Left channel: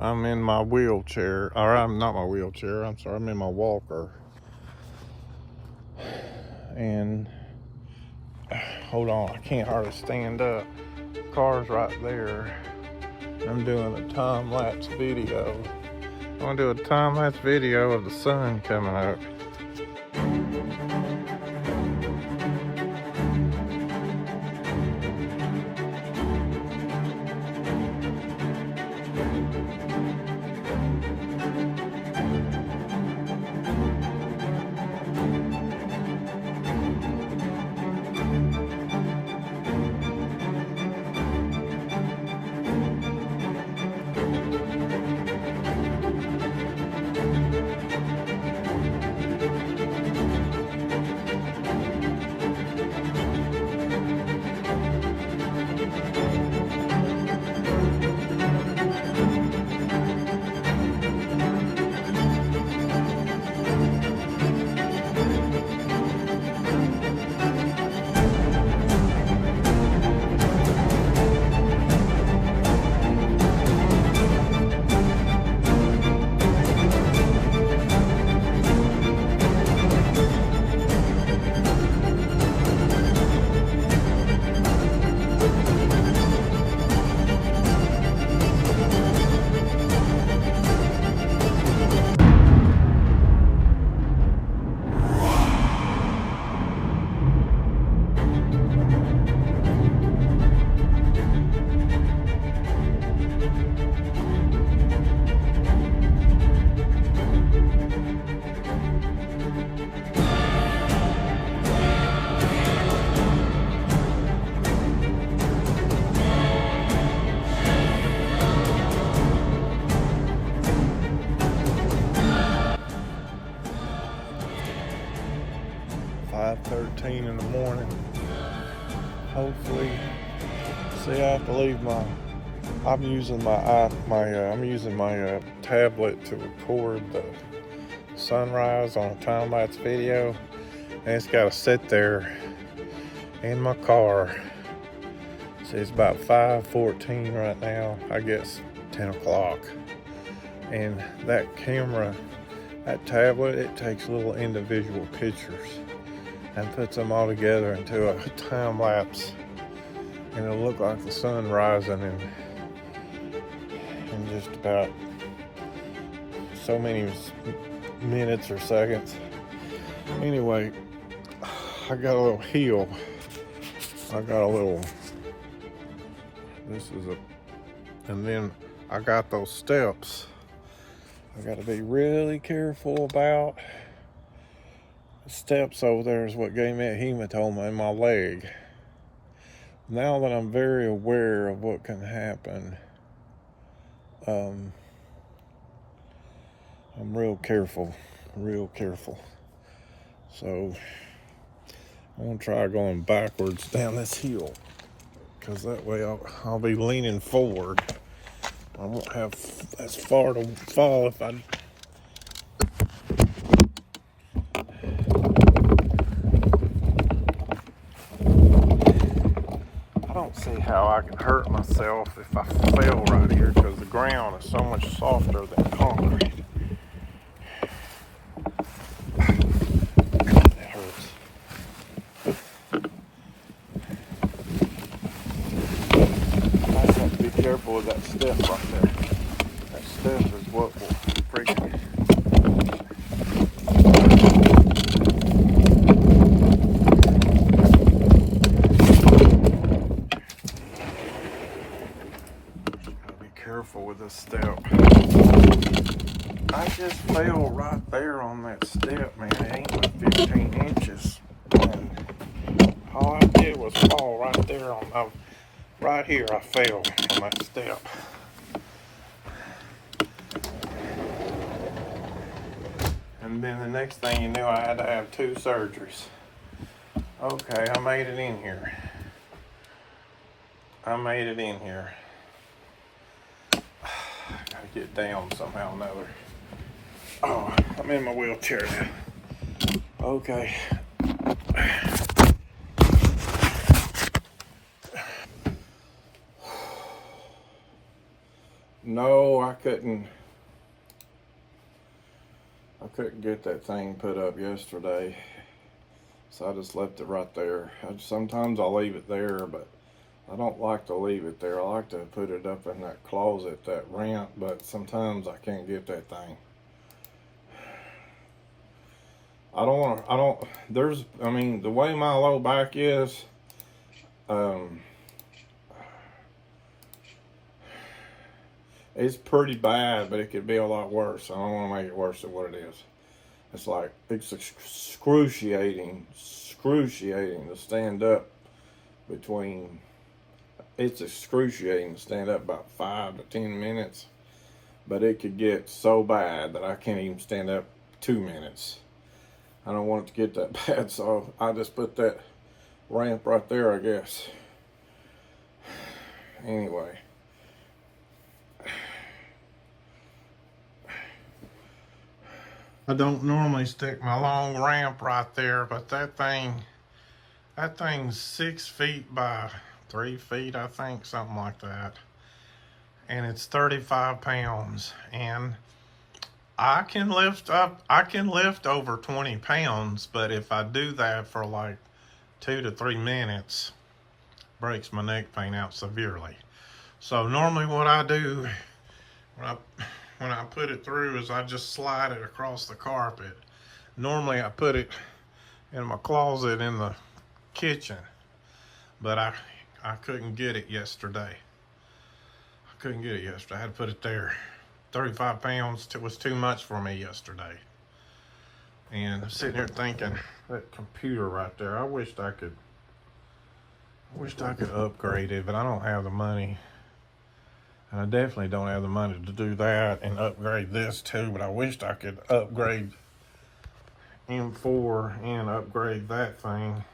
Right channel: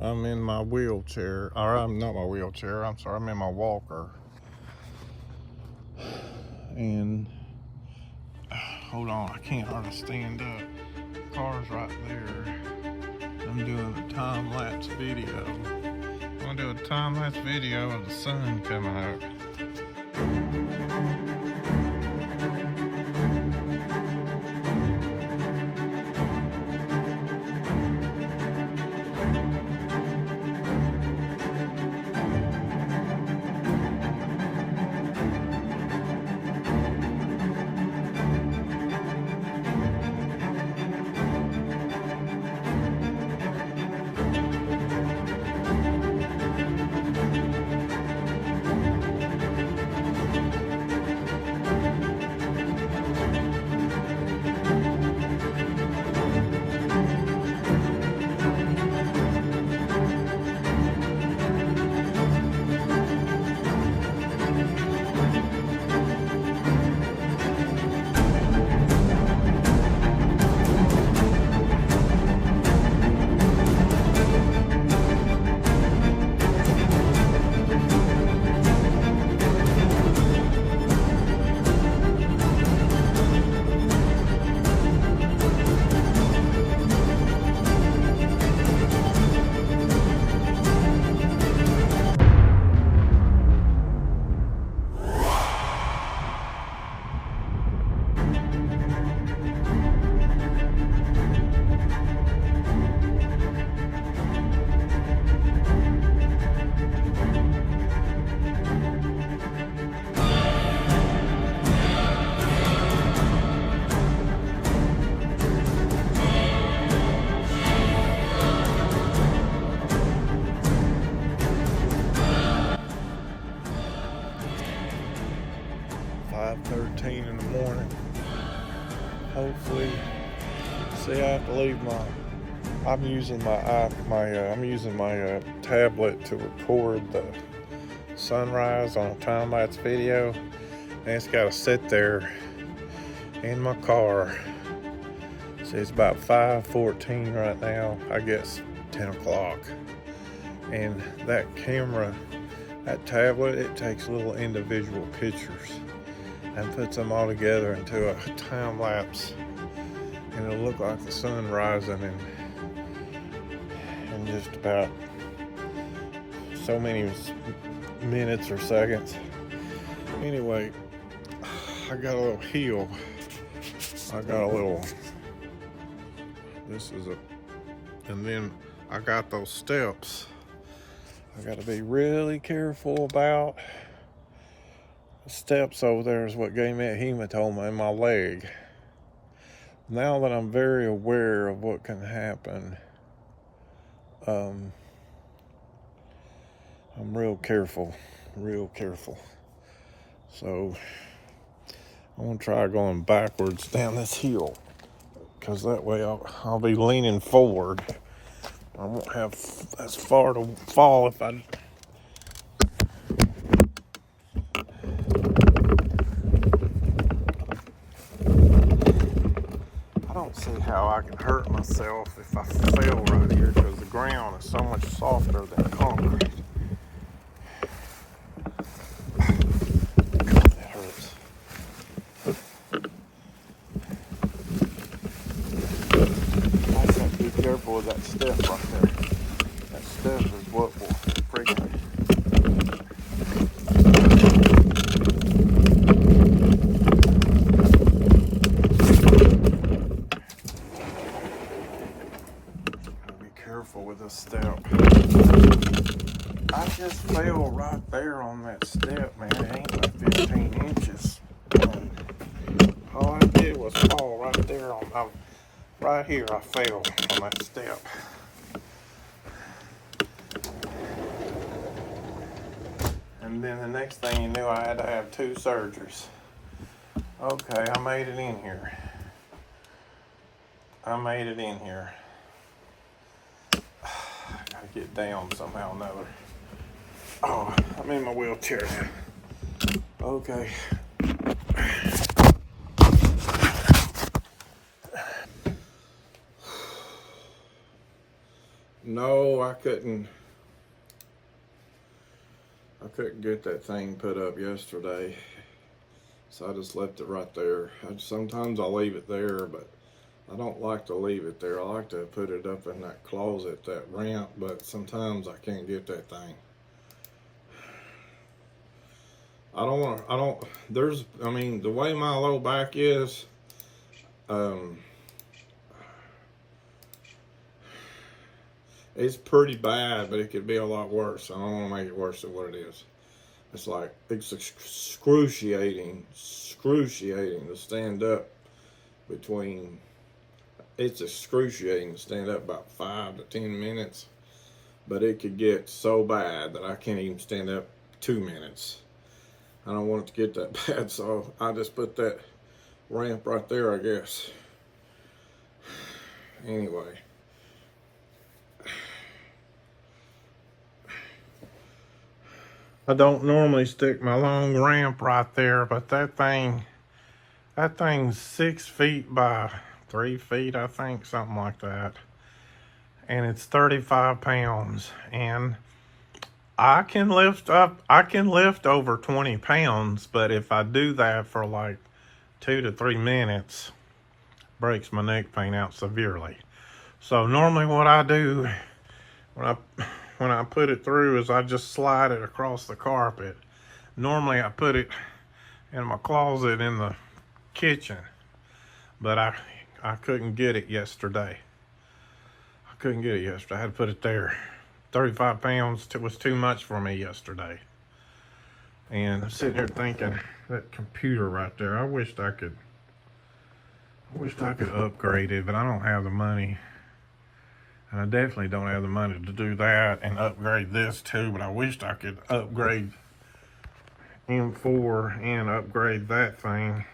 I'm in my wheelchair, or I'm not my wheelchair, I'm sorry, I'm in my walker. And hold on, I can't hardly stand up. Car's right there. I'm doing a time-lapse video. I'm gonna do a time-lapse video of the sun coming up. .13 in the morning. Hopefully, see, I have to leave I'm using my tablet to record the sunrise on a time-lapse video, and it's got to sit there in my car. See, it's about 5:14 right now. I guess 10 o'clock. And that camera, that tablet, it takes little individual pictures and puts them all together into a time lapse, and it'll look like the sun rising in just about so many minutes or seconds. Anyway, I got a little hill. And then I got those steps I got to be really careful about. The steps over there is what gave me a hematoma in my leg. Now that I'm very aware of what can happen, I'm real careful. So I'm gonna try going backwards down this hill, because that way I'll be leaning forward. I won't have as far to fall if I don't see how I can hurt myself if I fell right here, because the ground is so much softer than concrete. God, that hurts. I just have to be careful with that step right there. That step is what will freaking careful with this step. I just fell right there on that step, man. It ain't but 15 inches. And all I did was fall right there right here. I fell on that step. And then the next thing you knew, I had to have 2 surgeries. Okay, I made it in here. Gotta get down somehow or another. Oh, I'm in my wheelchair now. Okay. No, I couldn't get that thing put up yesterday, so I just left it right there. Sometimes I'll leave it there, but I don't like to leave it there. I like to put it up in that closet, that ramp, but sometimes I can't get that thing. I mean, the way my low back is, it's pretty bad, but it could be a lot worse. I don't want to make it worse than what it is. It's like, it's excruciating to stand up between, it's excruciating to stand up about 5 to 10 minutes, but it could get so bad that I can't even stand up 2 minutes. I don't want it to get that bad, so I just put that ramp right there, I guess. Anyway. I don't normally stick my long ramp right there, but that thing's 6 feet by 3 feet, I think, something like that. And it's 35 pounds. And I can lift over 20 pounds, but if I do that for like 2 to 3 minutes, breaks my neck pain out severely. So normally what I do when I put it through is I just slide it across the carpet. Normally I put it in my closet in the kitchen, but I couldn't get it yesterday. I had to put it there. 35 pounds was too much for me yesterday. And I'm sitting here thinking, that computer right there, I wished I could upgrade it, but I don't have the money. And I definitely don't have the money to do that and upgrade this too, but I wished I could upgrade M4 and upgrade that thing.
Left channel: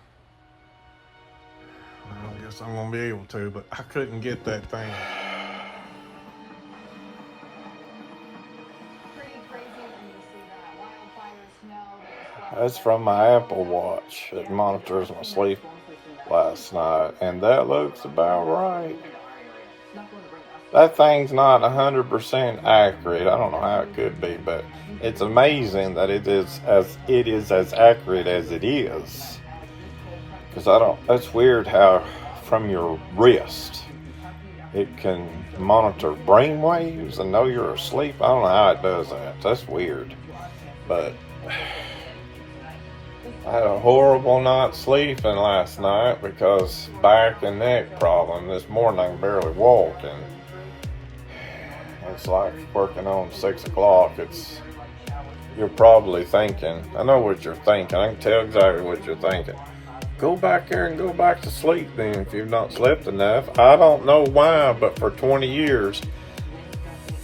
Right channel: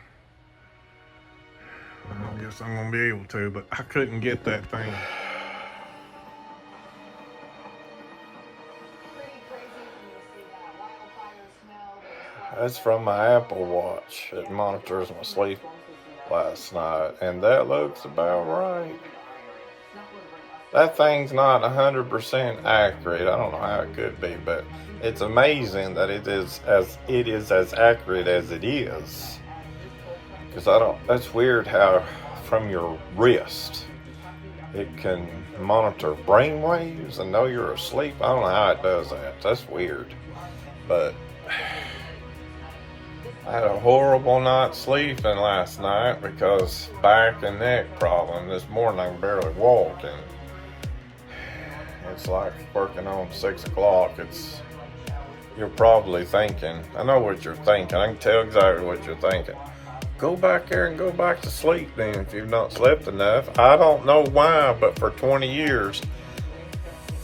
Well, I guess I'm gonna be able to, but I couldn't get that thing. That's from my Apple Watch. It monitors my sleep last night, and that looks about right. That thing's not 100% accurate. I don't know how it could be, but it's amazing that it is as accurate as it is. Because that's weird how from your wrist it can monitor brain waves and know you're asleep. I don't know how it does that. That's weird. But I had a horrible night sleeping last night because back and neck problem. This morning I can barely walk, and it's like working on 6 o'clock. You're probably thinking, I know what you're thinking. I can tell exactly what you're thinking. Go back there and go back to sleep then if you've not slept enough. I don't know why, but for 20 years,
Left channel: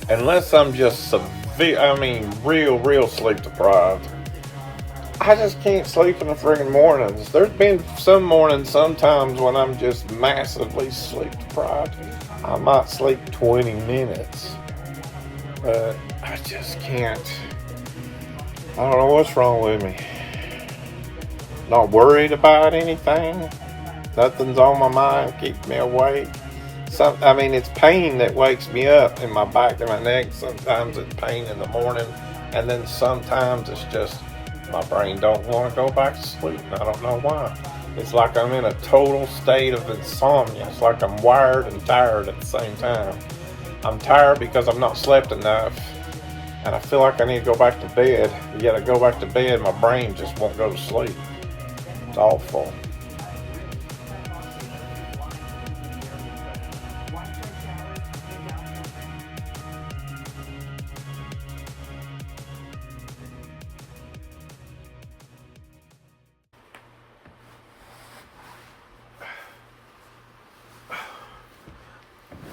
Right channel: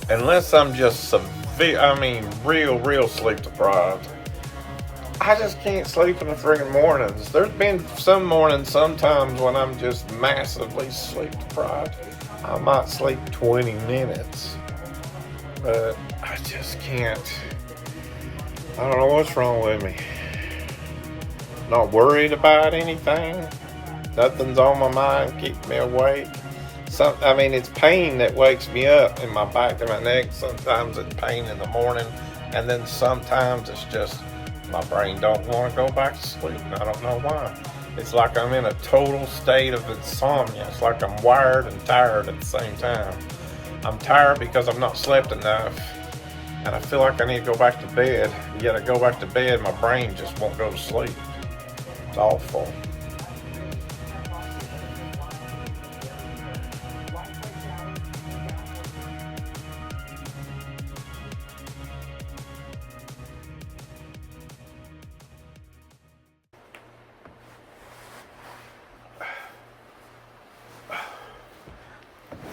unless I'm just real sleep deprived, I just can't sleep in the friggin' mornings. There's been some mornings sometimes when I'm just massively sleep deprived. I might sleep 20 minutes, but I just can't. I don't know what's wrong with me. Not worried about anything. Nothing's on my mind, keeps me awake. It's pain that wakes me up in my back and my neck. Sometimes it's pain in the morning, and then sometimes it's just my brain don't want to go back to sleep, and I don't know why. It's like I'm in a total state of insomnia. It's like I'm wired and tired at the same time. I'm tired because I've not slept enough, and I feel like I need to go back to bed. Yet I go back to bed, my brain just won't go to sleep. It's awful.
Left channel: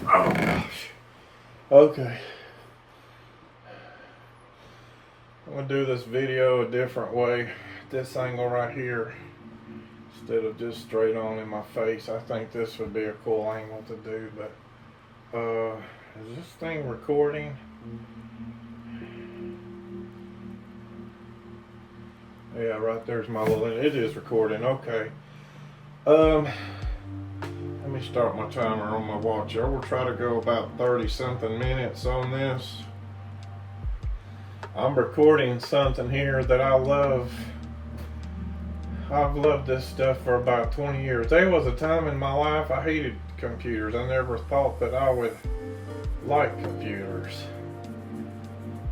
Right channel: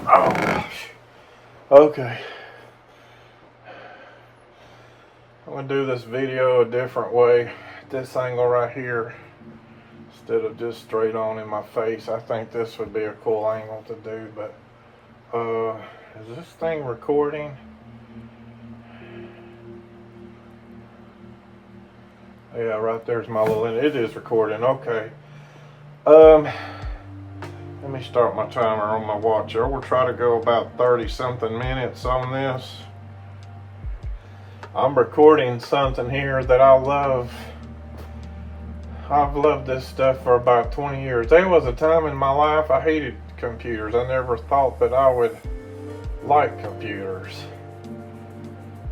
Oh gosh. Okay. I'm gonna do this video a different way. This angle right here, instead of just straight on in my face. I think this would be a cool angle to do, but is this thing recording? Yeah, right there's my little, it is recording, okay. Let me me start my timer on my watch. I will try to go about 30 something minutes on this. I'm recording something here that I love. I've loved this stuff for about 20 years. There was a time in my life I hated computers. I never thought that I would like computers.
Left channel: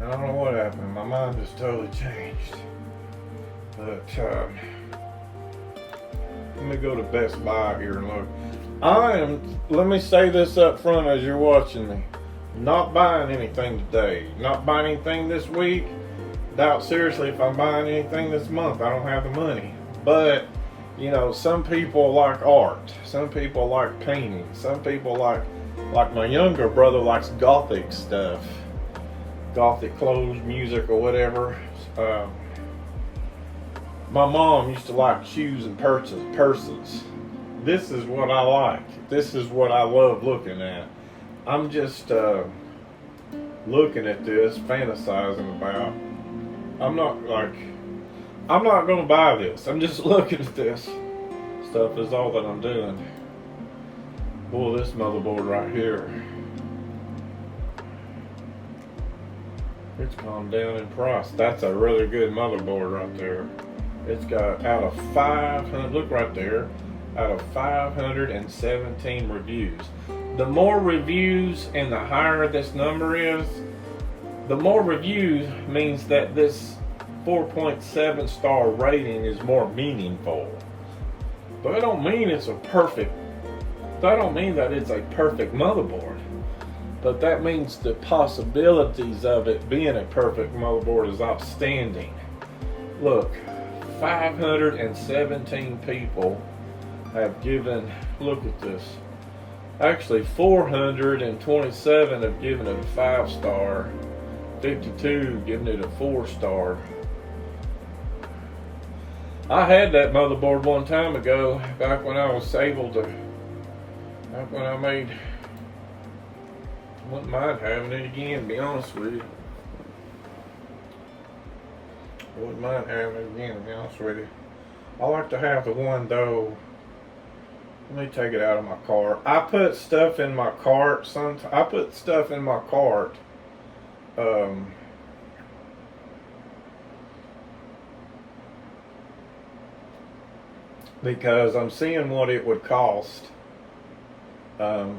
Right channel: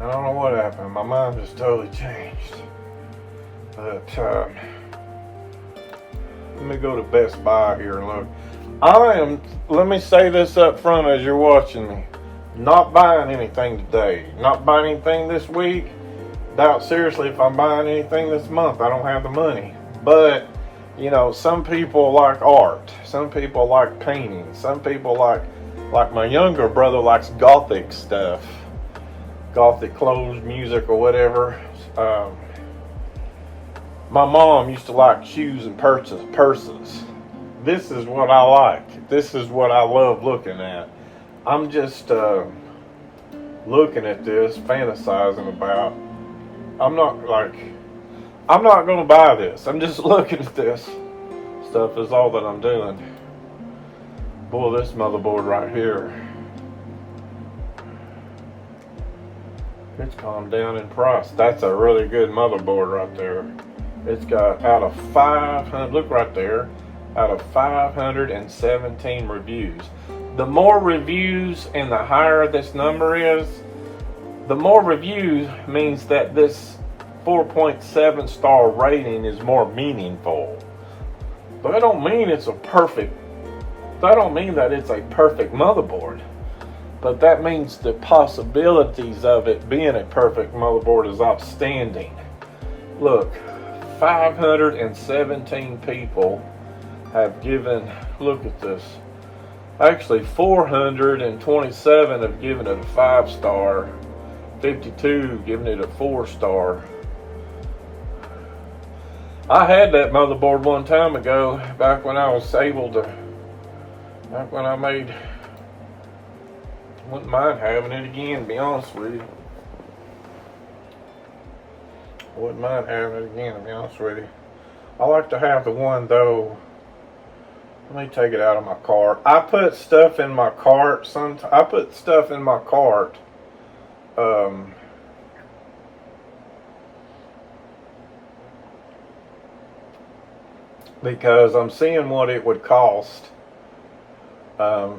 I don't know what happened. My mind just totally changed. But let me go to Best Buy here and look. Let me say this up front as you're watching me. Not buying anything today. Not buying anything this week. Doubt seriously if I'm buying anything this month. I don't have the money. But, you know, some people like art. Some people like painting. Some people like my younger brother likes gothic stuff. Gothic clothes, music, or whatever. My mom used to like shoes and purses. This is what I like. This is what I love looking at. I'm just looking at this, fantasizing about. I'm not going to buy this. I'm just looking at this stuff is all that I'm doing. Boy, this motherboard right here, it's calmed down in price. That's a really good motherboard right there. It's got out of 500, look right there, out of 517 reviews. The more reviews and the higher this number is, the more reviews means that this 4.7 star rating is more meaningful. But that don't mean it's that don't mean that it's a perfect motherboard. But that means the possibilities of it being a perfect motherboard is outstanding. Look, 517 people have given, look at this. Actually, 427 have given it a 5-star, 52 giving it a 4-star. I had that motherboard one time ago, back when I was able to, back when I wouldn't mind having it again, to be honest with you. Wouldn't mind having it again, to be honest with you. I like to have the one though. Let me take it out of my cart. I put stuff in my cart. Sometimes I put stuff in my cart. Because I'm seeing what it would cost. Let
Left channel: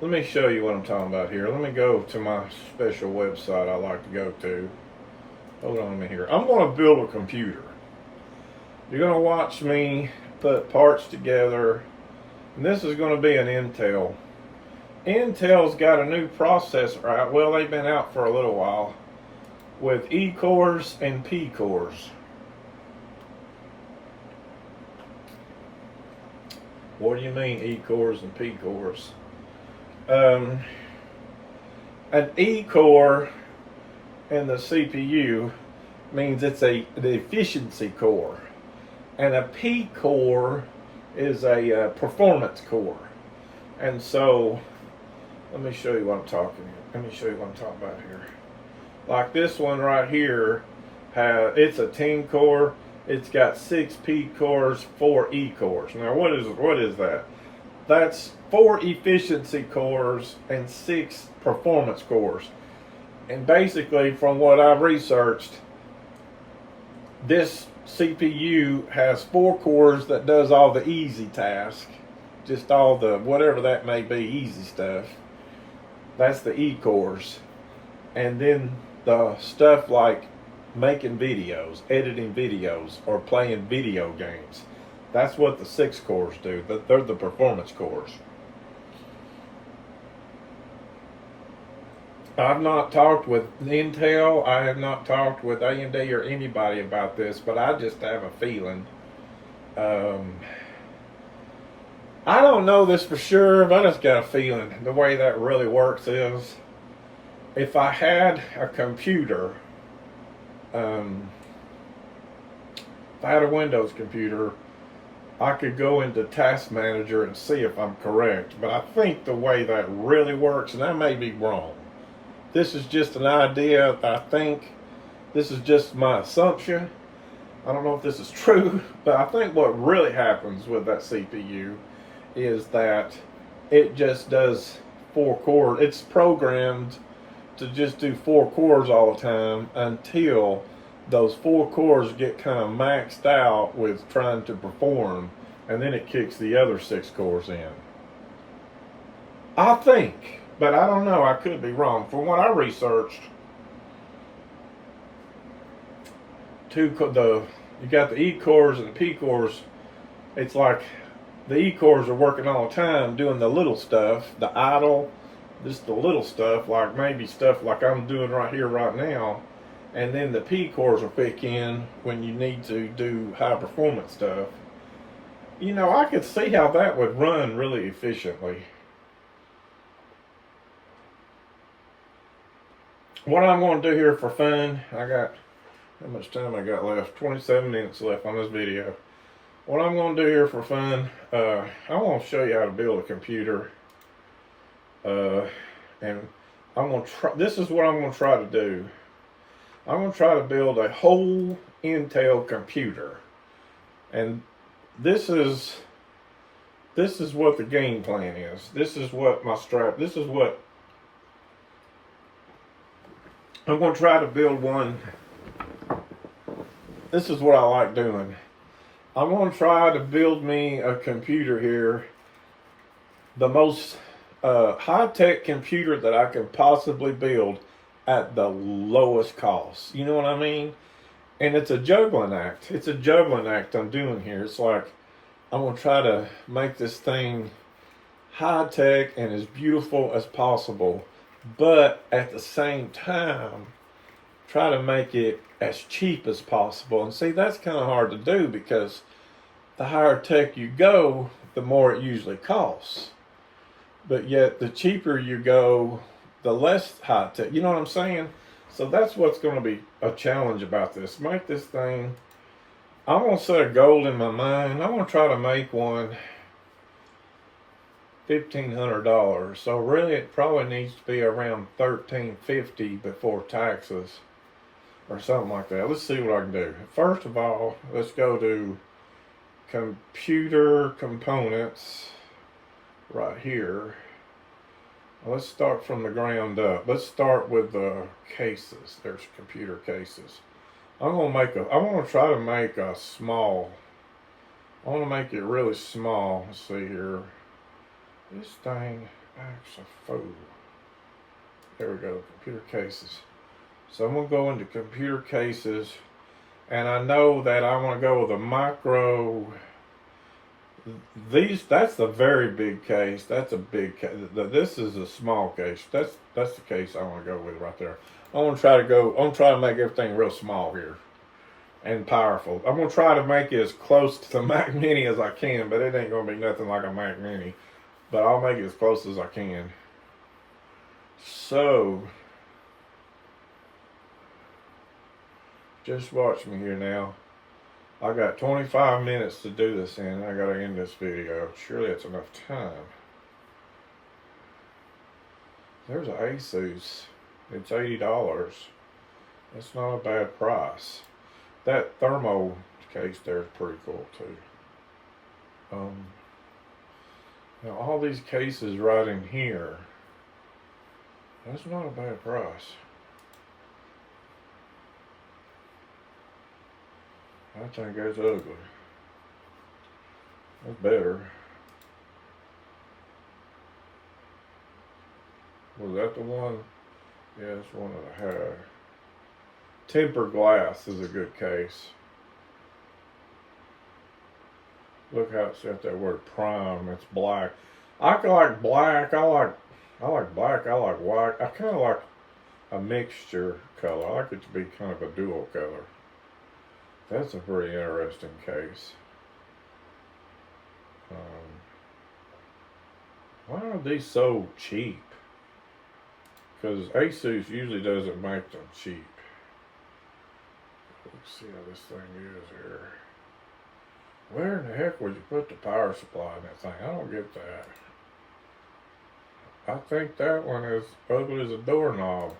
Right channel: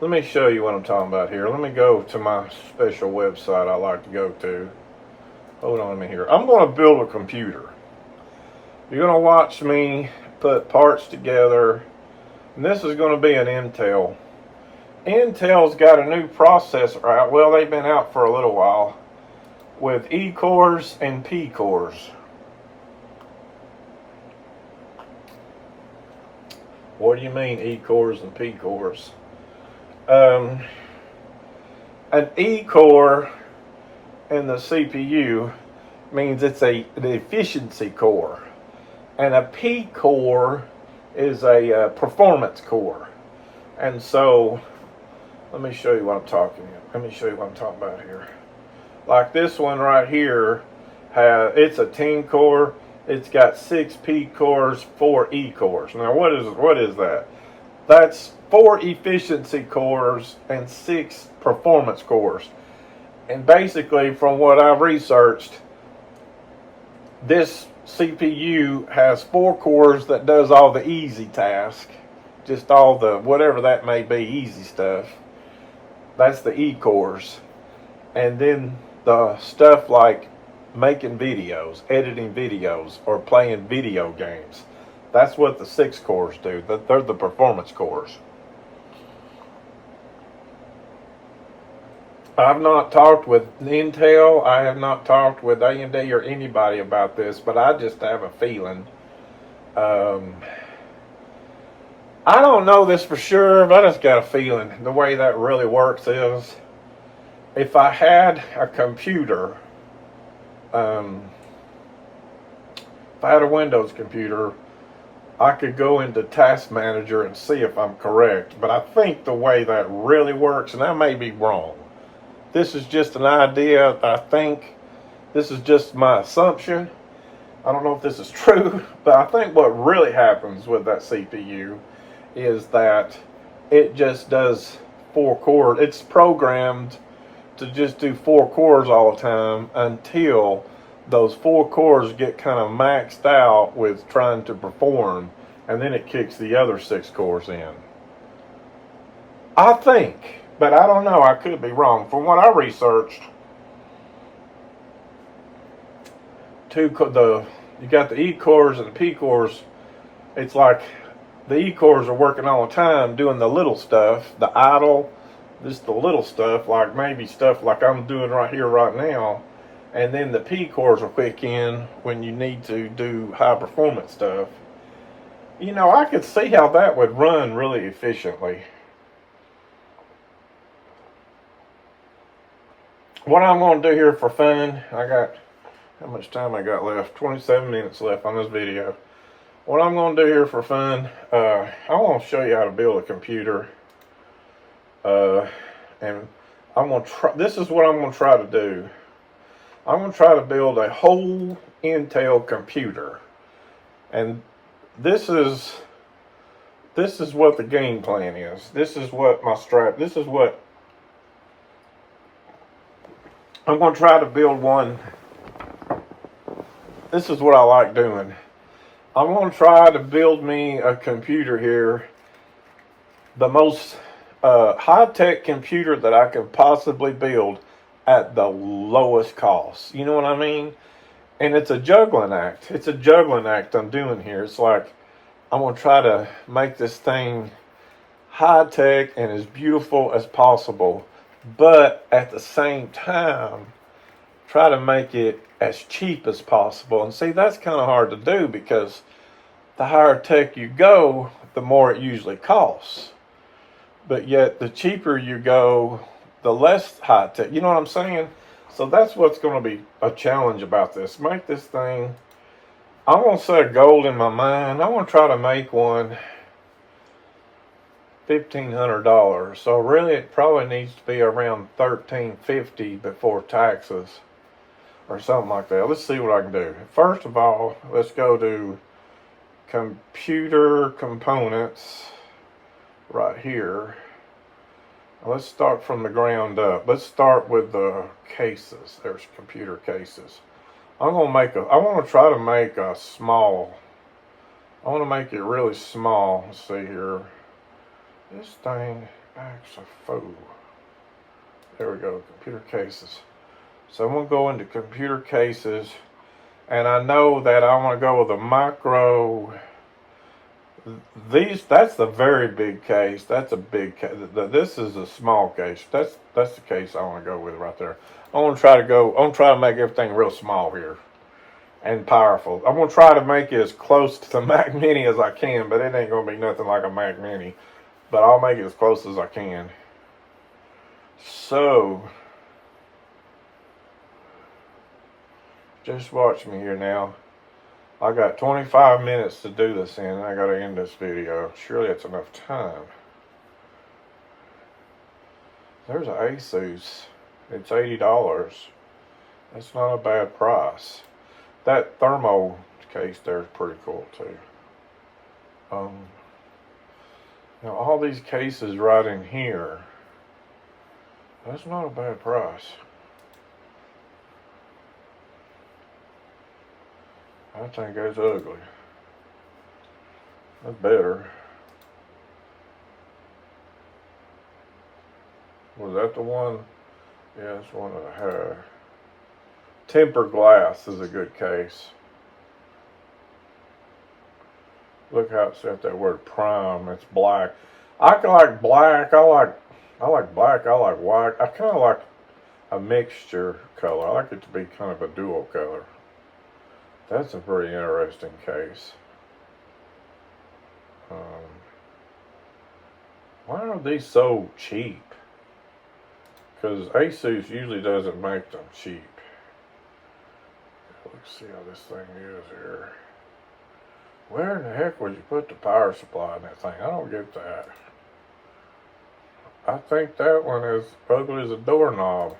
me show you what I'm talking about here. Let me go to my special website I like to go to. Hold on a minute here. I'm going to build a computer. You're going to watch me put parts together. And this is going to be an Intel. Intel's got a new processor out. Well, they've been out for a little while. With E cores and P cores. What do you mean E cores and P cores? An E core in the CPU means it's the efficiency core, and a P core is a performance core. And so, let me show you what I'm talking about. Let me show you what I'm talking about here. Like this one right here, it's a 10 core. It's got 6 P cores, 4 E cores. Now, what is that? That's 4 efficiency cores and 6 performance cores. And basically, from what I've researched, this CPU has 4 cores that does all the easy tasks, just all the whatever that may be, easy stuff. That's the E cores. And then the stuff like making videos, editing videos, or playing video games. That's what the 6 cores do. They're the performance cores. I've not talked with Intel. I have not talked with AMD or anybody about this, but I just have a feeling. I don't know this for sure, but I just got a feeling. The way that really works is, if I had a computer, if I had a Windows computer, I could go into Task Manager and see if I'm correct. But I think the way that really works, and I may be wrong, this is just an idea. I think this is just my assumption. I don't know if this is true, but I think what really happens with that CPU is that it just does 4 chords. It's programmed to just do 4 chords all the time until those 4 chords get kind of maxed out with trying to perform, and then it kicks the other 6 chords in. I think, but I don't know, I could be wrong. From what I researched, you got the E chords and the P chords. It's like the E chords are working all the time doing the little stuff, the idle, just the little stuff, like maybe stuff like I'm doing right here right now. And then the P chords will kick in when you need to do high performance stuff. You know, I could see how that would run really efficiently. What I'm going to do here for fun, I got, how much time I got left? 27 minutes left on this video. What I'm going to do here for fun, I want to show you how to build a computer. And I'm going to try, this is what I'm going to try to do. I'm going to try to build a whole Intel computer. And this is what the game plan is. This is what my this is what I'm going to try to build one. This is what I like doing. I'm going to try to build me a computer here. The most high-tech computer that I could possibly build at the lowest cost. You know what I mean? And it's a juggling act. It's a juggling act I'm doing here. It's like I'm going to try to make this thing high-tech and as beautiful as possible, but at the same time try to make it as cheap as possible. And see, that's kind of hard to do because the higher tech you go, the more it usually costs. But yet the cheaper you go, the less high tech. You know what I'm saying? So that's what's going to be a challenge about this. Make this thing, I'm going to set a goal in my mind. I want to try to make one $1,500. So really it probably needs to be around $1,350 before taxes or something like that. Let's see what I can do. First of all, let's go to computer components right here. Let's start from the ground up. Let's start with the cases. There's computer cases. I want to try to make a small, I want to make it really small. Let's see here. This thing acts a fool. There we go, computer cases. So I'm going to go into computer cases, and I know that I want to go with a micro. That's the very big case. That's a big case. This is a small case. That's the case I want to go with right there. I want to try to make everything real small here and powerful. I'm going to try to make it as close to the Mac Mini as I can, but it ain't going to be nothing like a Mac Mini. But I'll make it as close as I can. So, just watch me here now. I got 25 minutes to do this in. I got to end this video. Surely that's enough time. There's an Asus. It's $80. That's not a bad price. That thermo case there is pretty cool too. Now all these cases right in here, that's not a bad price. I think that's ugly. That's better. Was that the one? Yeah, that's one that I had. Tempered glass is a good case. Look how it said that word prime. It's black. I like black. I like black. I like white. I kind of like a mixture color. I like it to be kind of a dual color. That's a pretty interesting case. Why are these so cheap? Because Asus usually doesn't make them cheap. Let's see how this thing is here. Where in the heck would you put the power supply in that thing? I don't get that. I think that one is ugly as a doorknob.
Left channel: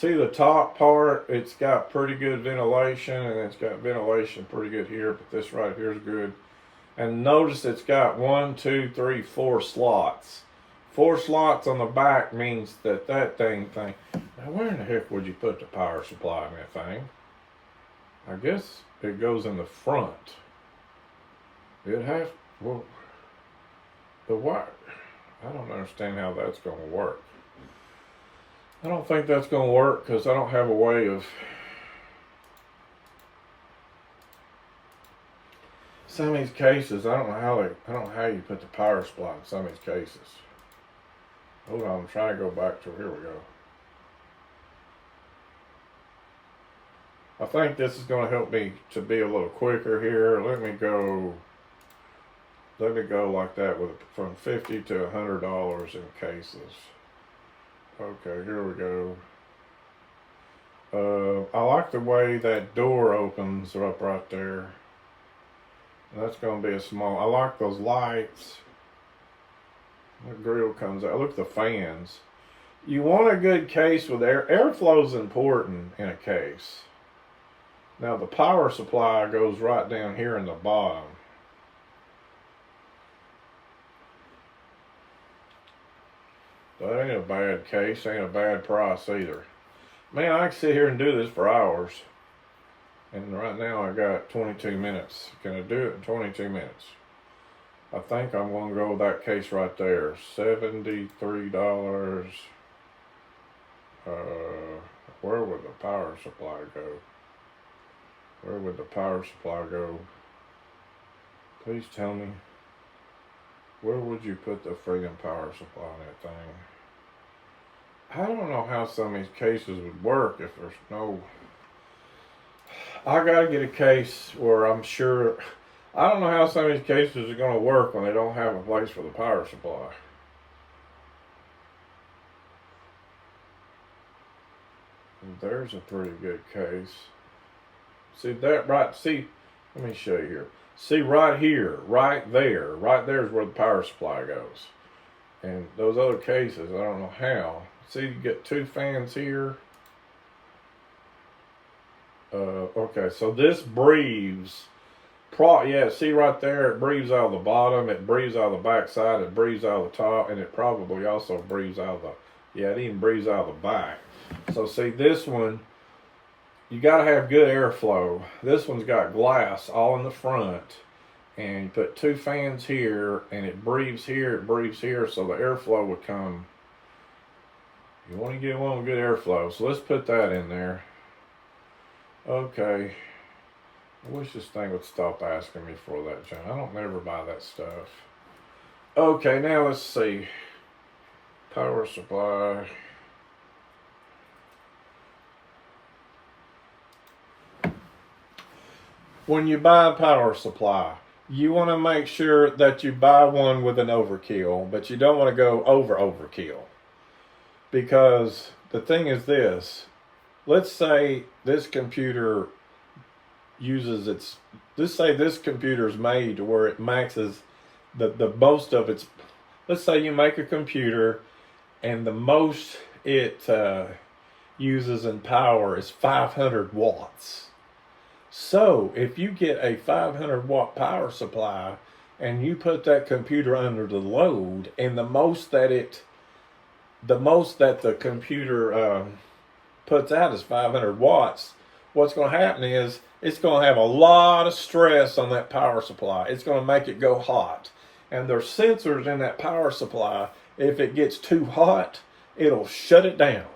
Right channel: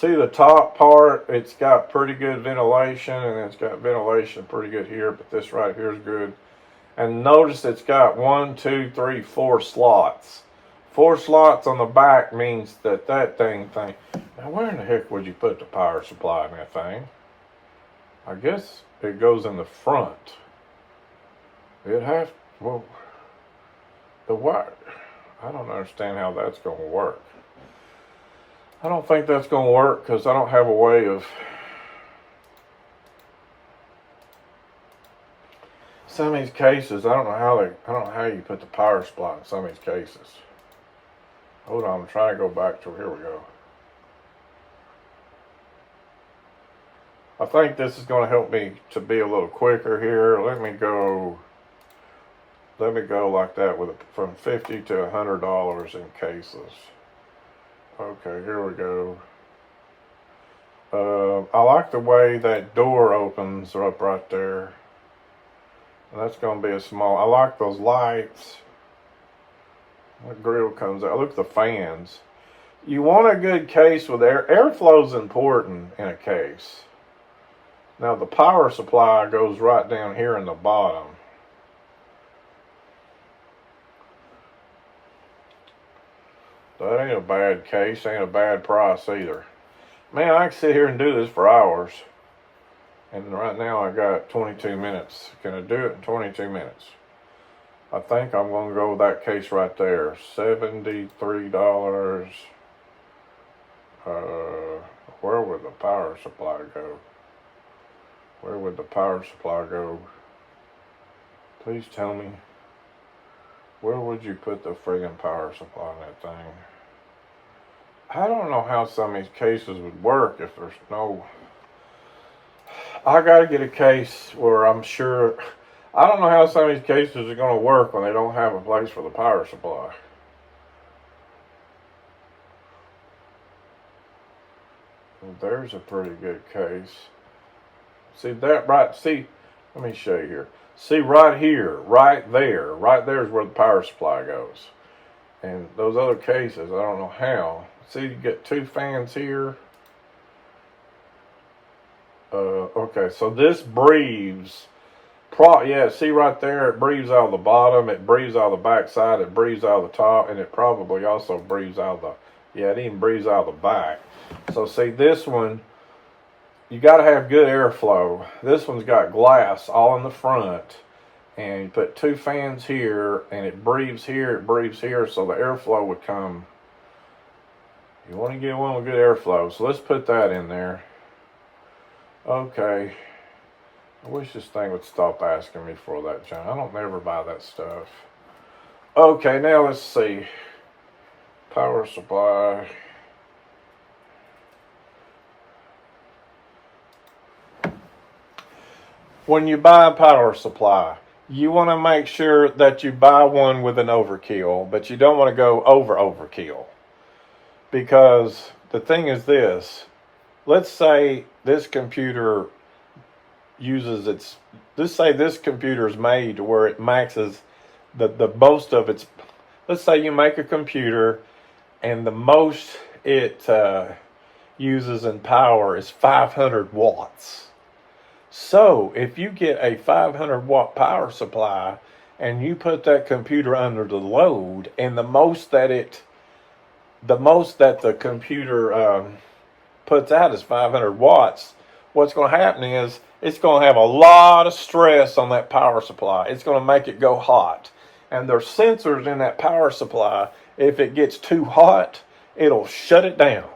See the top part, it's got pretty good ventilation, and it's got ventilation pretty good here, but this right here is good. And notice it's got 1, 2, 3, 4 slots. 4 slots on the back means that thing. Now where in the heck would you put the power supply in that thing? I guess it goes in the front. Well, the wire, I don't understand how that's going to work. I don't think that's going to work because I don't have a way of... Some of these cases, I don't know how you put the power supply in some of these cases. Hold on, I'm trying to go back to, here we go. I think this is going to help me to be a little quicker here. Let me go like that with from $50 to $100 in cases. Okay, here we go. I like the way that door opens up right there. And that's going to be a small. I like those lights. That grill comes out. Look at the fans. You want a good case with air. Airflow is important in a case. Now the power supply goes right down here in the bottom. That ain't a bad case, ain't a bad price either. Man, I can sit here and do this for hours. And right now I got 22 minutes. Can I do it in 22 minutes? I think I'm going to go with that case right there. $73. Where would the power supply go? Where would the power supply go? Please tell me. Where would you put the friggin' power supply in that thing? I don't know how some of these cases would work if there's no... I gotta get a case where I'm sure... I don't know how some of these cases are gonna work when they don't have a place for the power supply. Well, there's a pretty good case. See that right... See, let me show you here. See right here, right there is where the power supply goes. And those other cases, I don't know how. See, you get 2 fans here. Okay, so this breathes. Yeah, see right there, it breathes out of the bottom, it breathes out of the back side, it breathes out of the top, and it probably also breathes out of the... Yeah, it even breathes out of the back. So see, this one, you got to have good airflow. This one's got glass all in the front, and you put 2 fans here, and it breathes here, so the airflow would come. You want to get one with good airflow, so let's put that in there. Okay. I wish this thing would stop asking me for that, John. I don't never buy that stuff. Okay, now let's see. Power supply. When you buy a power supply, you want to make sure that you buy one with an overkill, but you don't want to go overkill. Because the thing is this, let's say this computer uses its, let's say this computer is made to where it maxes the most of its, let's say you make a computer and the most it uses in power is 500 watts. So if you get a 500 watt power supply and you put that computer under the load, and the most that the computer puts out is 500 watts, what's going to happen is it's going to have a lot of stress on that power supply. It's going to make it go hot. And there's sensors in that power supply. If it gets too hot, it'll shut it down.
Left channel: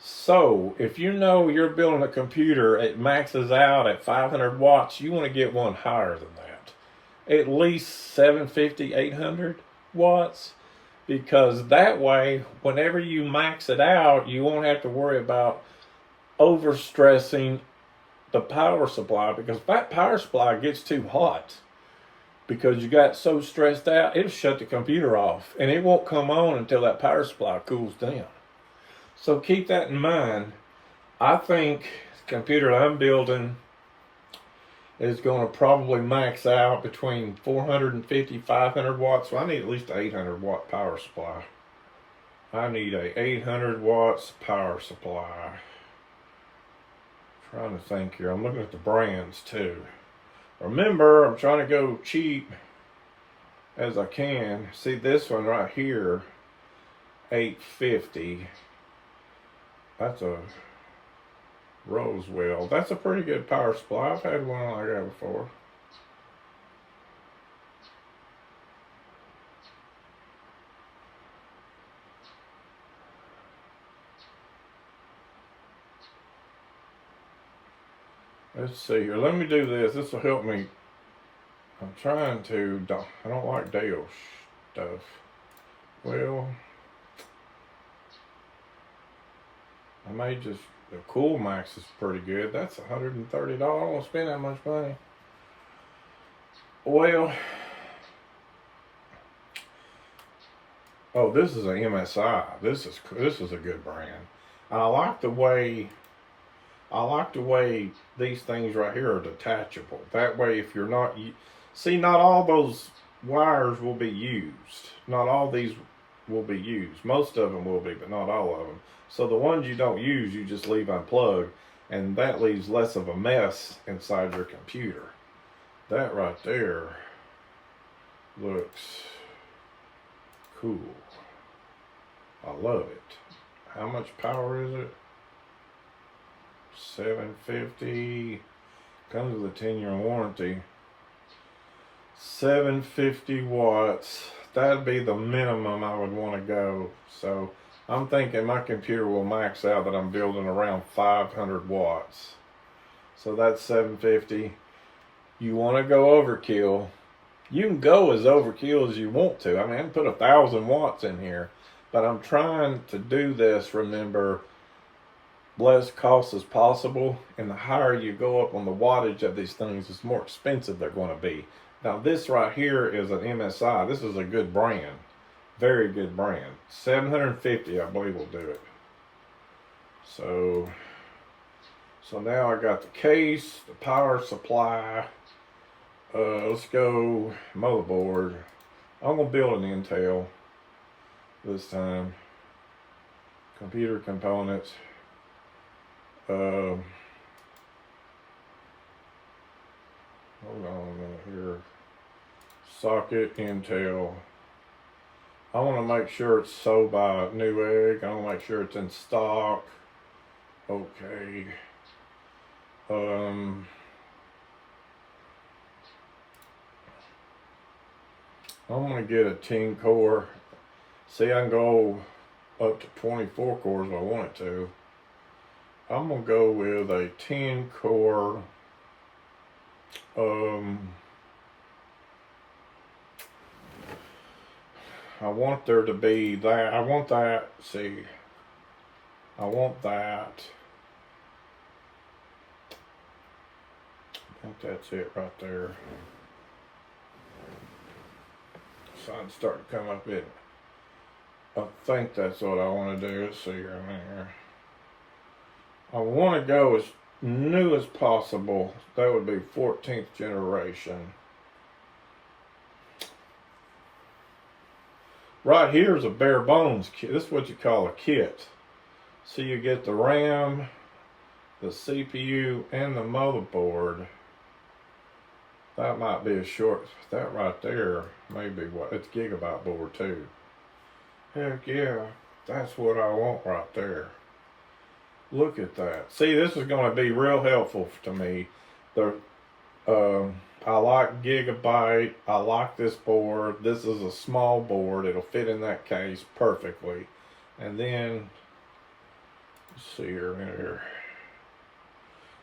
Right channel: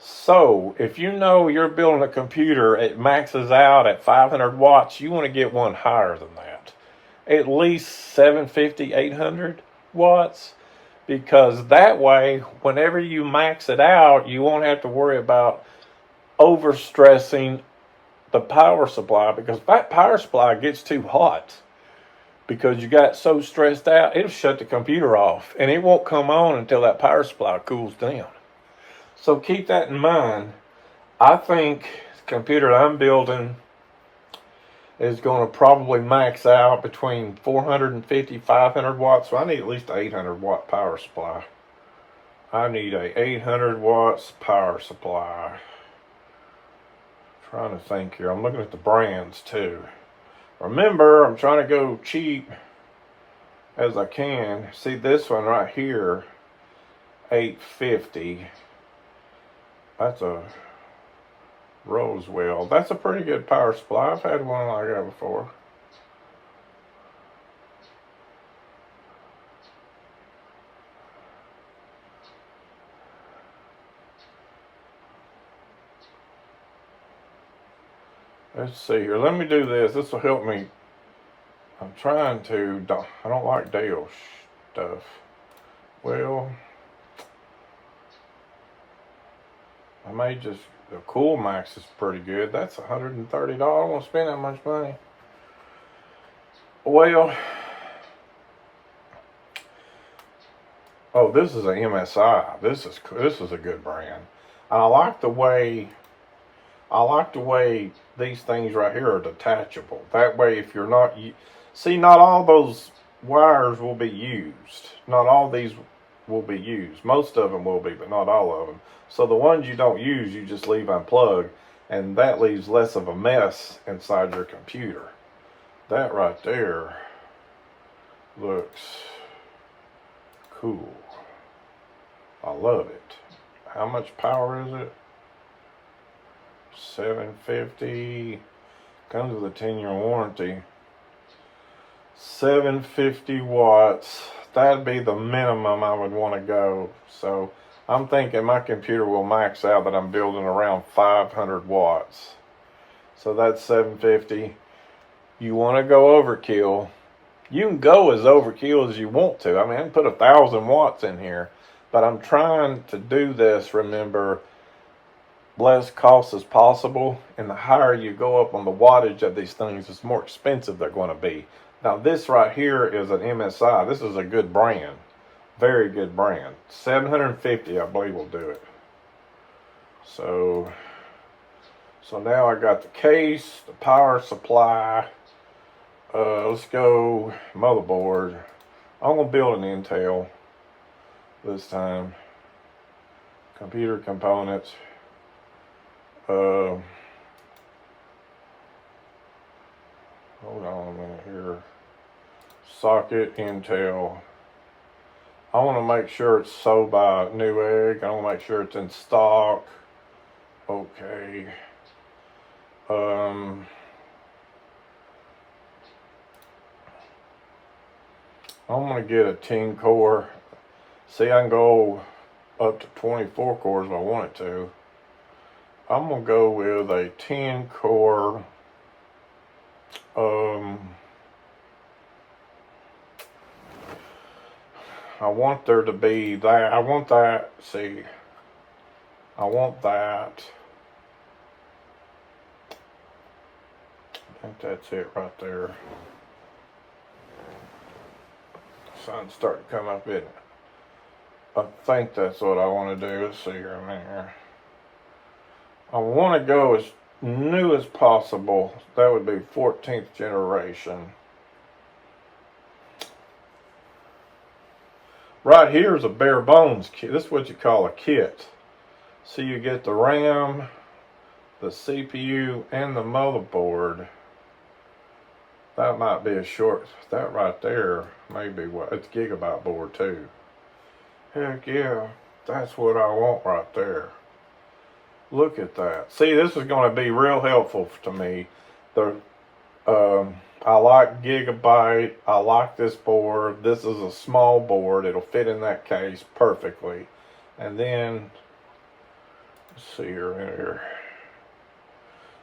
So if you know you're building a computer, it maxes out at 500 watts, you want to get one higher than that. At least 750, 800 watts. Because that way, whenever you max it out, you won't have to worry about overstressing the power supply, because if that power supply gets too hot, because you got so stressed out, it'll shut the computer off, and it won't come on until that power supply cools down. So keep that in mind. I think the computer I'm building is going to probably max out between 450, 500 watts. So I need at least an 800 watt power supply. I need a 800 watts power supply. Trying to think here. I'm looking at the brands too. Remember, I'm trying to go cheap as I can. See this one right here, 850. That's a Rosewell. That's a pretty good power supply. I've had one like that before. Let's see here. Let me do this. This will help me. I'm trying to. I don't like Dale stuff. Well, I may just. The Coolmax is pretty good. That's $130. I don't want to spend that much money. Well, oh, this is an MSI. This is a good brand. And I like the way these things right here are detachable. That way, if you're not, see, not all those wires will be used. Not all these will be used. Most of them will be, but not all of them. So the ones you don't use, you just leave unplugged, and that leaves less of a mess inside your computer. That right there looks cool. I love it. How much power is it? 750. Comes with a 10-year warranty. 750 watts. That'd be the minimum I would want to go. So I'm thinking my computer will max out that I'm building around 500 watts. So that's 750. You want to go overkill. You can go as overkill as you want to. I mean, I can put 1,000 watts in here. But I'm trying to do this, remember, less cost as possible. And the higher you go up on the wattage of these things, the more expensive they're going to be. Now this right here is an MSI. This is a good brand. Very good brand. 750, I believe, will do it. So now I got the case, the power supply. Let's go motherboard. I'm going to build an Intel this time. Computer components. Hold on a minute here. Socket Intel. I want to make sure it's sold by Newegg. I want to make sure it's in stock. Okay. I'm going to get a 10 core. See, I can go up to 24 cores if I wanted to. I'm going to go with a 10 core. I want there to be that. I want that. See, I want that. I think that's it right there. Sun's starting to come up in it. I think that's what I want to do. Let's see here a minute here. I want to go as new as possible. That would be 14th generation. Right here is a bare bones kit. This is what you call a kit. So you get the RAM, the CPU, and the motherboard. That might be a short. That right there may be what. It's gigabyte board too. Heck yeah, that's what I want right there. Look at that. See, this is going to be real helpful to me. I like gigabyte. I like this board. This is a small board. It'll fit in that case perfectly. And then, let's see here.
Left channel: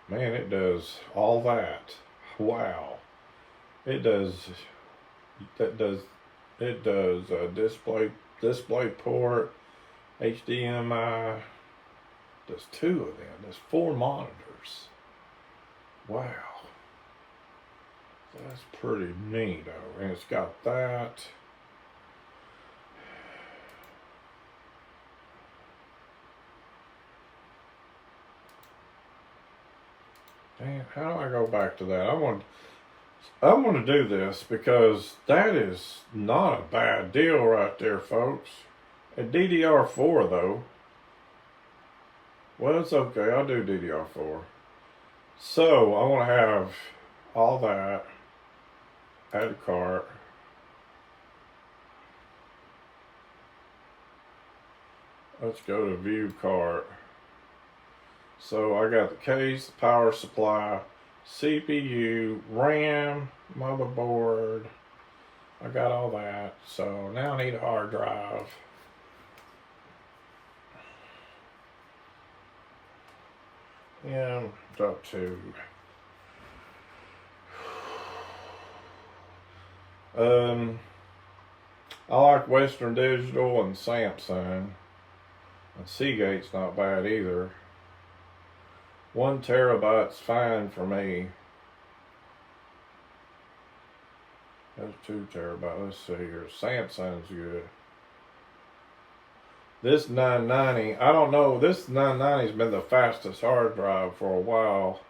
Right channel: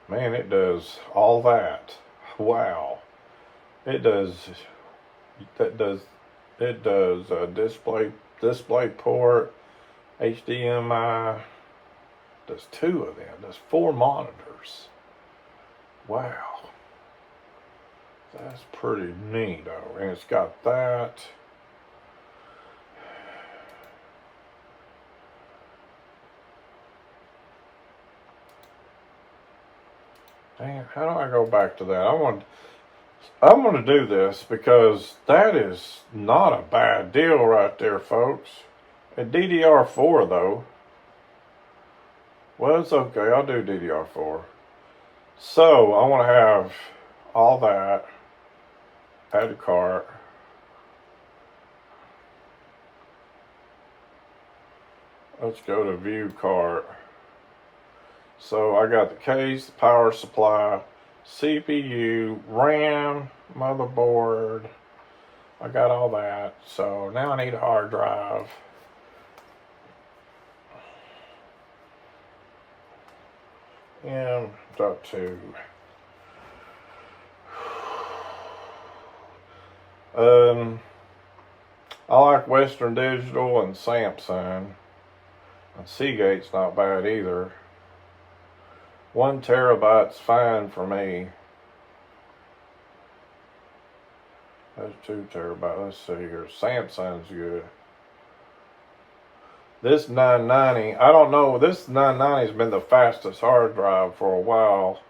Man, it does all that. Wow. It does display port, HDMI. There's 2 of them. There's 4 monitors. Wow. That's pretty neat, though. And it's got that. Damn, how do I go back to that? I want to do this because that is not a bad deal right there, folks. A DDR4 though. Well, it's okay. I'll do DDR4. So I want to have all that. Add to cart. Let's go to view cart. So I got the case, the power supply, CPU, RAM, motherboard. I got all that. So now I need a hard drive. M.2. I like Western Digital and Samsung. And Seagate's not bad either. 1 terabyte's fine for me. That's 2 terabytes. Let's see here. Samsung's good. This 990, I don't know. This 990's been the fastest hard drive for a while.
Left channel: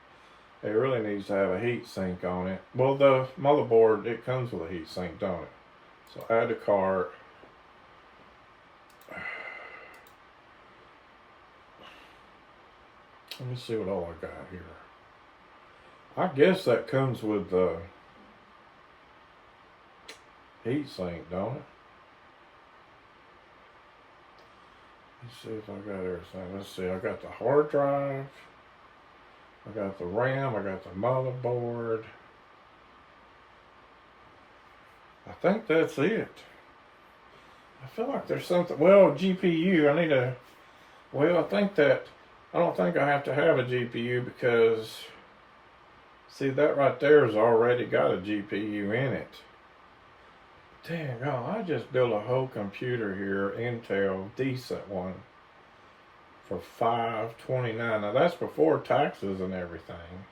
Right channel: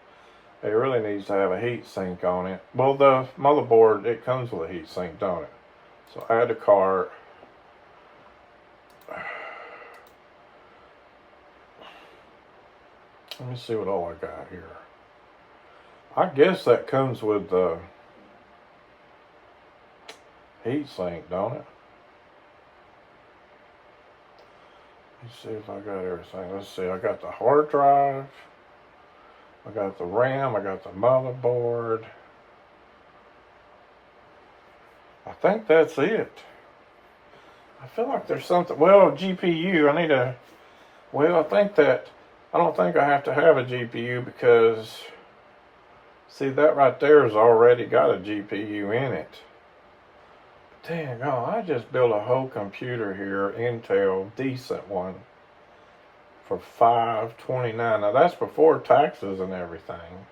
It really needs to have a heat sink on it. Well, the motherboard, it comes with a heat sink, don't it? So add to cart. Let me see what all I got here. I guess that comes with the heat sink, don't it? Let's see if I got everything. Let's see, I got the hard drive. I got the RAM. I got the motherboard. I think that's it. I feel like there's something. Well, GPU. I need a. Well, I don't think I have to have a GPU because, see, that right there has already got a GPU in it. Dang, oh, I just built a whole computer here, Intel, decent one, for $529. Now that's before taxes and everything.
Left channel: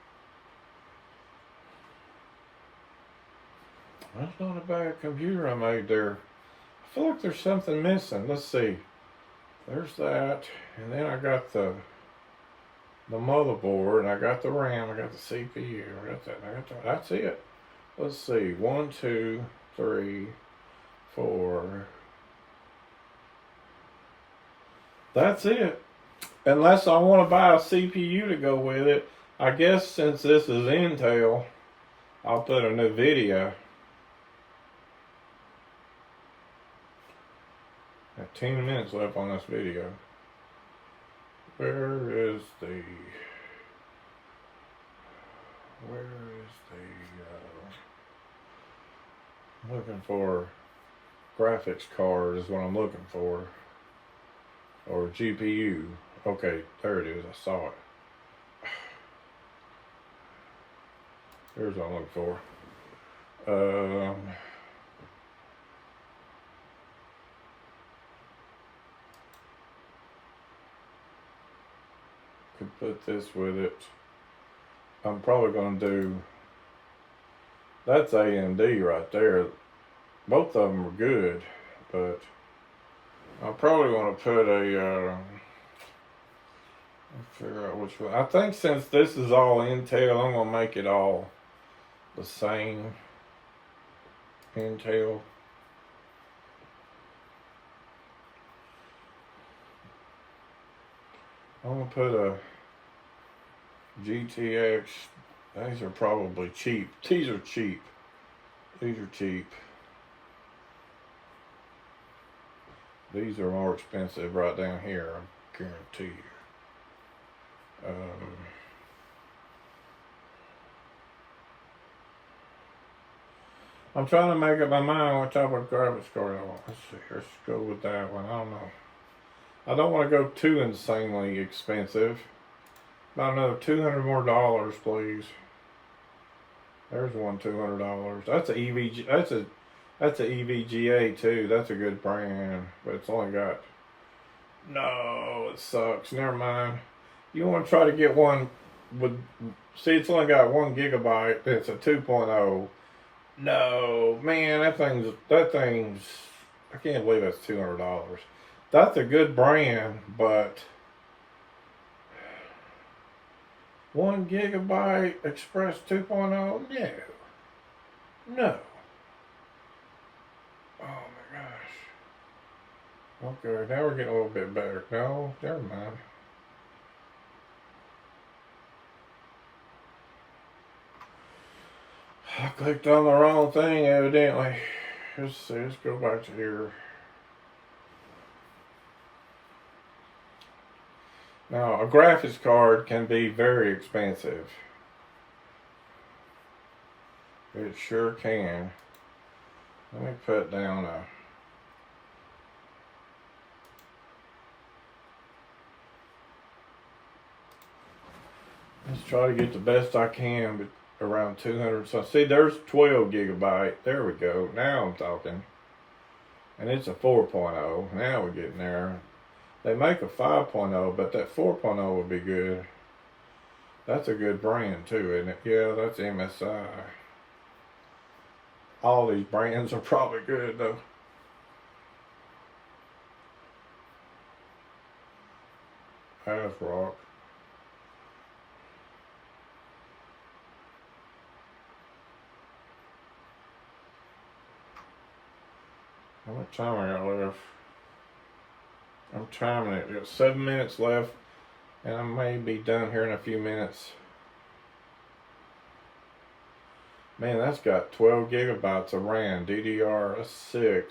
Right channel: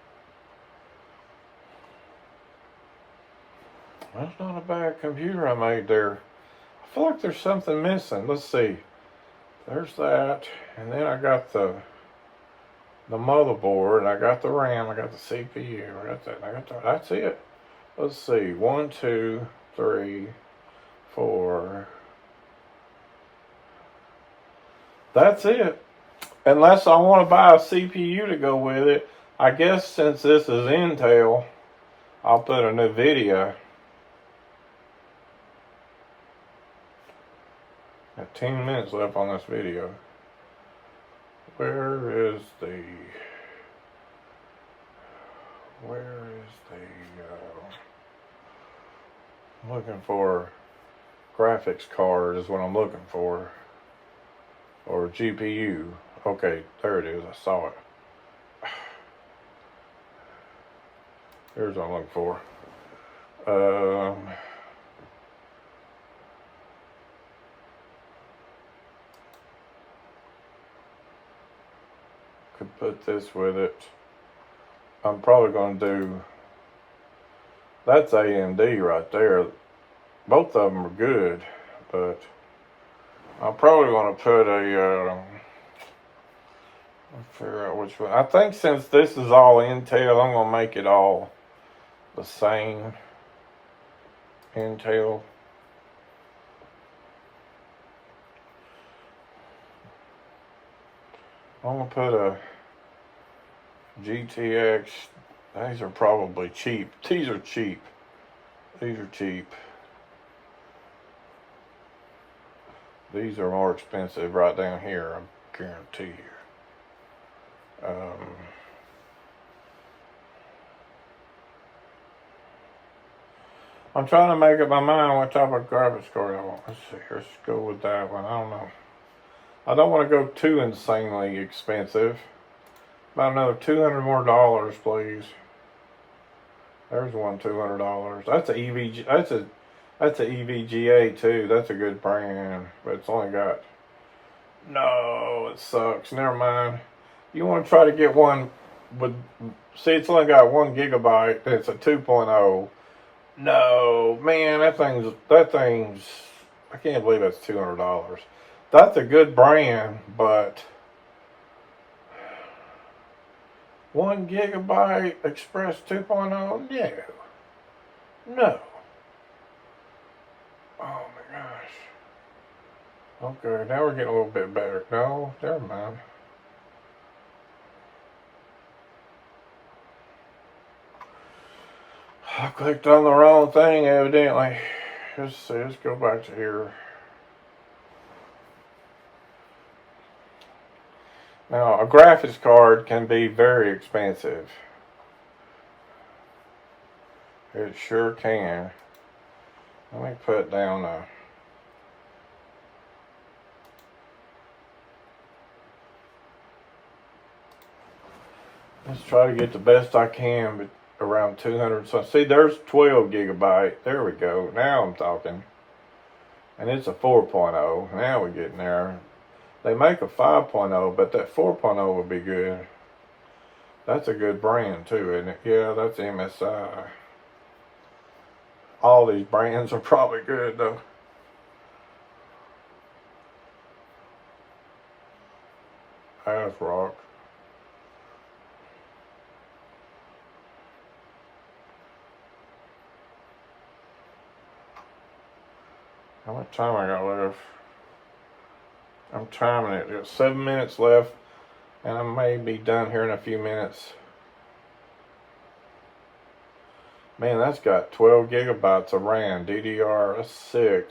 That's not a bad computer I made there. I feel like there's something missing. Let's see. There's that, and then I got the motherboard, I got the RAM, I got the CPU, I got that, that's it. Let's see, 1, 2, 3, 4. That's it. Unless I want to buy a CPU to go with it. I guess since this is Intel, I'll put a new video. I have 10 minutes left on this video. Where is the I'm looking for graphics card is what I'm looking for, or GPU. Okay, there it is. I saw it. Here's what I'm looking for. Could put this with it. I'm probably going to do. That's AMD right there. Both of them are good, but I'm probably going to put a. Let's figure out which one. I think since this is all Intel, I'm going to make it all the same Intel. I'm going to put a GTX. These are probably cheap. These are cheap. These are cheap. These are more expensive right down here, I guarantee you. I'm trying to make up my mind on what type of graphics card I want. Let's see, let's go with that one. I don't know. I don't want to go too insanely expensive. About another $200 more, please. There's one $200. That's a EVG. That's a EVGA too. That's a good brand, but it's only got. No, it sucks. Never mind. You want to try to get one with. See, it's only got 1 gigabyte. It's a 2.0. No, man, that thing's. I can't believe that's $200. That's a good brand, but 1 gigabyte Express 2.0? No. Oh my gosh. Okay, now we're getting a little bit better. No, never mind. I clicked on the wrong thing, evidently. Let's see, let's go back to here. Now, a graphics card can be very expensive. It sure can. Let me put down a... Let's try to get the best I can, but around 200. So see, there's 12 gigabyte. There we go. Now I'm talking. And it's a 4.0. Now we're getting there. They make a 5.0, but that 4.0 would be good. That's a good brand too, isn't it? Yeah, that's MSI. All these brands are probably good though. ASRock. How much time I got left? I'm timing it. There's 7 minutes left, and I may be done here in a few minutes. Man, that's got 12 gigabytes of RAM. DDR6.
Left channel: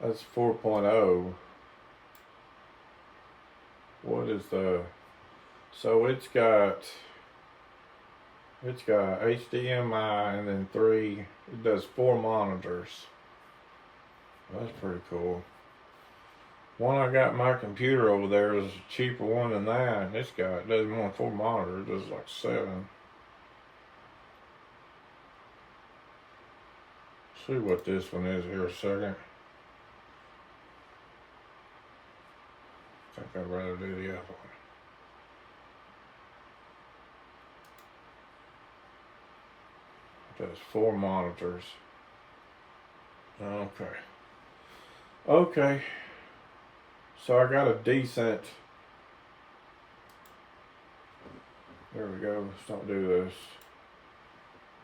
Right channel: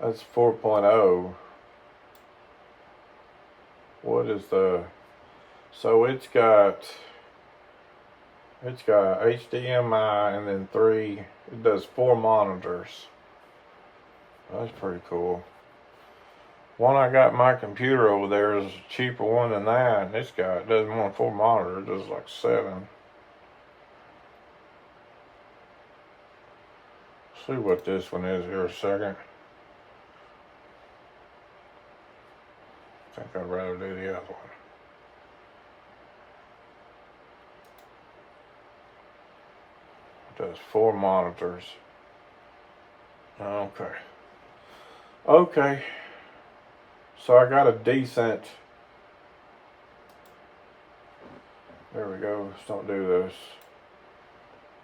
That's 4.0. What is the... So it's got HDMI and then 3. It does 4 monitors. That's pretty cool. One I got in my computer over there is a cheaper one than that. This guy doesn't want 4 monitors, it does like 7. See what this one is here a second. I think I'd rather do the other one. It does 4 monitors. Okay. Okay. So I got a decent... There we go. Let's not do this.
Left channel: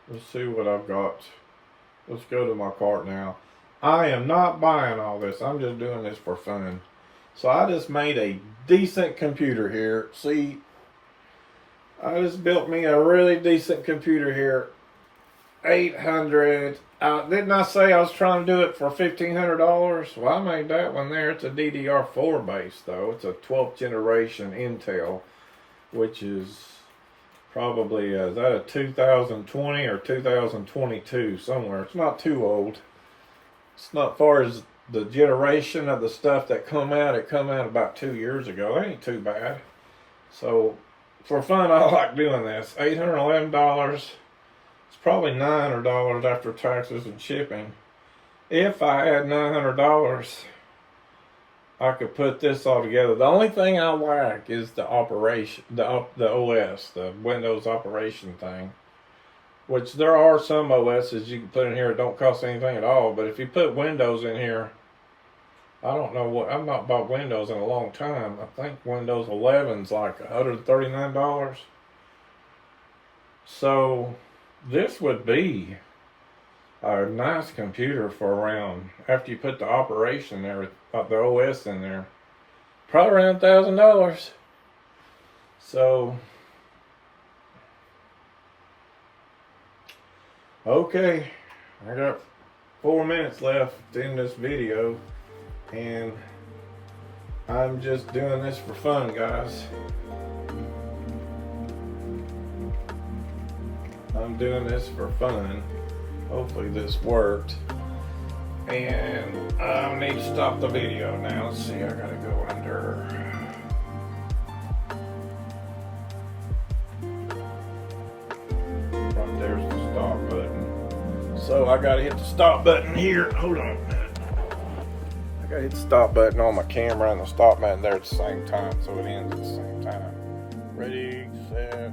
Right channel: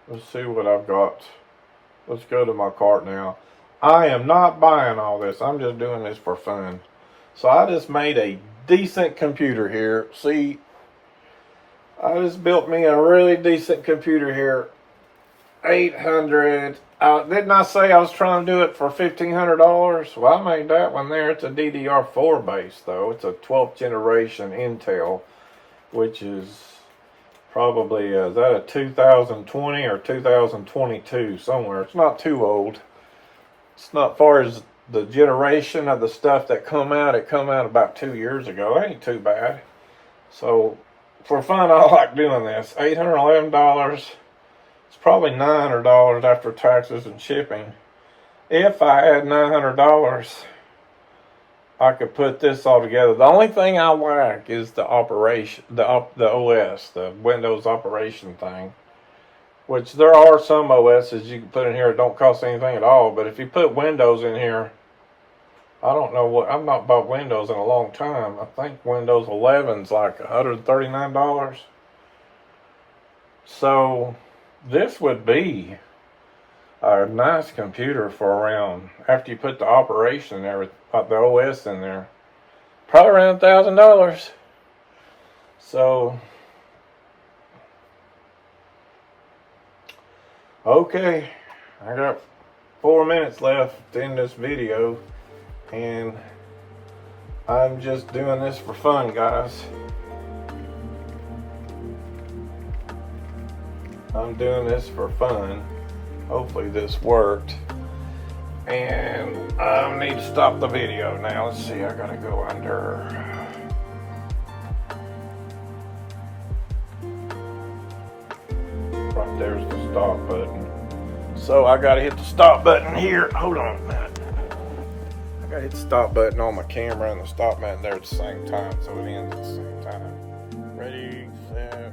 Let's see what I've got. Let's go to my cart now. I am not buying all this. I'm just doing this for fun. So I just made a decent computer here. See, I just built me a really decent computer here. 800. Didn't I say I was trying to do it for $1,500? Well, I made that one there. It's a DDR4 base, though. It's a 12th generation Intel, which is probably, is that a 2020 or 2022 somewhere? It's not too old. It's not far as the generation of the stuff that come out. It come out about 2 years ago. It ain't too bad. So, for fun, I like doing this. $811. Probably $900 after taxes and shipping. If I had $900, I could put this all together. The only thing I lack is the operation, the OS, the Windows operation thing. Which there are some OSs you can put in here that don't cost anything at all. But if you put Windows in here, I don't know what. I've not bought Windows in a long time. I think Windows 11's like $139. So this would be a nice computer for around, after you put the operation and everything, the OS in there, probably around $1,000. So, okay, I got 4 minutes left in this video, and I'm just doing this for fun, guys. I'm doing this for fun. Hopefully this worked. And I need to stop the video now. Let's see, I gotta go under. Right there's the stop button. So I gotta hit the stop button here. Hold on a minute. I gotta hit the stop button on my camera and the stop button there at the same time, so it ends at the same time. Ready, set.